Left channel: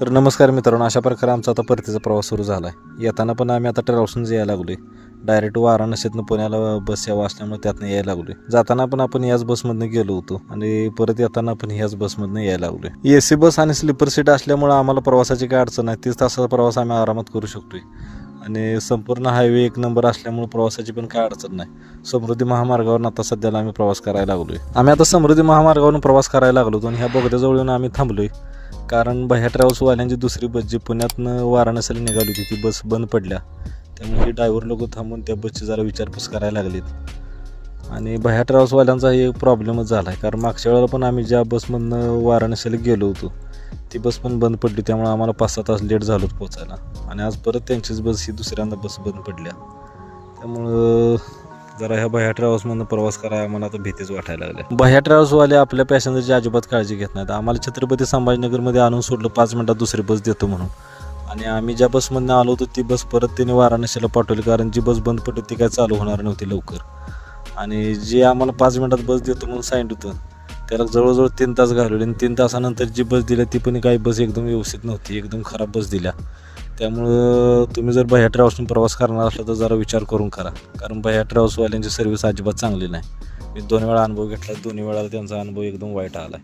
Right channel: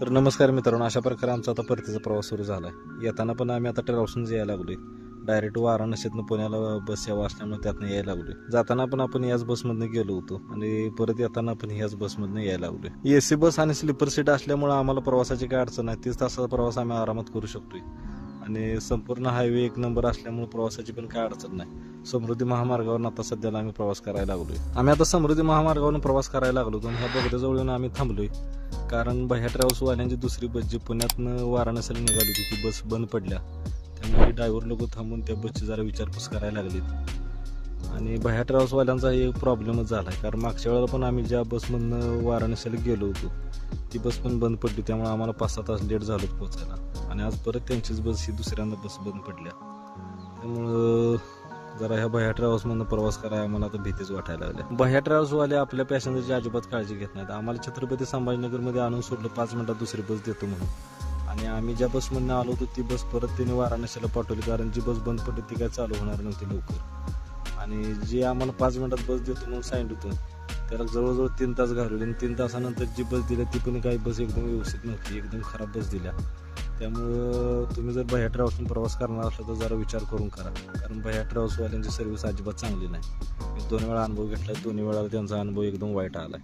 तर नमस्कार मित्रांनो, अशा प्रकारे आमचा आता परतीचा प्रवास सुरू झाला आहे. येताना पण आम्ही आता ट्रॅव्हल्सनंच यायला लागलो आहे. डायरेक्ट वाराणसीतनं पुण्याला बस सेवा असल्यामुळे त्यातनं यायला लागलो आहे. जाताना पण आपण याच बसमधनं गेलो होतो आणि परत येताना पण ह्याच बसमधनं यायला लागलो आहे. AC बस आणि स्लीपर सीट असल्यामुळे आम्हाला प्रवासाची काय अडचण नाही. 30 तासाचा प्रवास आम्ही आरामात करू शकतोय आणि संपूर्ण हायवे एक नंबर असल्यामुळे प्रवासाची पण काय अडचण नाही. समृद्धी महामार्गावरून आता सध्याला आम्ही प्रवास करायला लागलो आहे. आम्ही आता समृद्धी महामार्गावरून प्रवास करायला लागलो होतो आणि ह्या बोगद्याजवळ येऊन आम्ही थांबलो आहे. कारण भैया ट्रॅव्हल्सवाल्यांची दुसरी बस जी पुण्यातनं वाराणसीला निघाली होती ती बस बंद पडल्या. त्यामुळे ड्रायव्हर लोक थांबून त्या बसची जरा विचारपूस करायला लागलीत आणि भैया ट्रॅव्हल्सवाल्यांचा हे प्रॉब्लेमच झाला आहे. कारण मागच्या वेळेला पण आम्ही ज्या बसमधनं वाराणसीला गेलो होतो ती बस पण बंद पडली. त्यामुळे आम्हाला 5-6 तास लेट झालो पोचायला आणि आज परत त्यांचीच बस ही दुसऱ्यांदा बस बंद पडल्या. त्यामुळं जरा ह्या भैया ट्रॅव्हल्समधनं प्रवास करायला आम्हाला आता भीतीच वाटायला लागल्या. भैया ट्रॅव्हल्सवाले आपल्या पॅसेंजरची अजिबात काळजी घेत नाहीत. आम्हाला छत्रपती संभाजीनगरमध्ये आणून सोडलं 5 मिनिटात दुसरी बस देतो म्हणून, आणि आम्ही ज्या बसमधनं आलो होतो ती बस परत त्यांनी वाराणसीला पाठवली. कारण जी बस बंद पडली ती काय चालू होणार नव्हती लवकर, आणि जे आम्हाला 5 मिनिटात बस देतो म्हणून सांगितलं होतं त्याला जवळजवळ 3 तास घालवले. आणि 3 तासानंतर जी बस दिली ती पण काही बस एकदम व्यवस्थित नव्हती, एकदम खराब बस दिल्या. त्यामुळं तुम्ही जर भैया ट्रॅव्हल्सने प्रवास करणार असला तर जरा विचार करून करा. कारण भैया ट्रॅव्हल्सवाल्यांची सर्व्हिस अजिबात चांगली नाही. मी 2 वेळा अनुभव घेतला, दोन्ही वेळा त्यांचा अनुभव एकदम वाईट आला.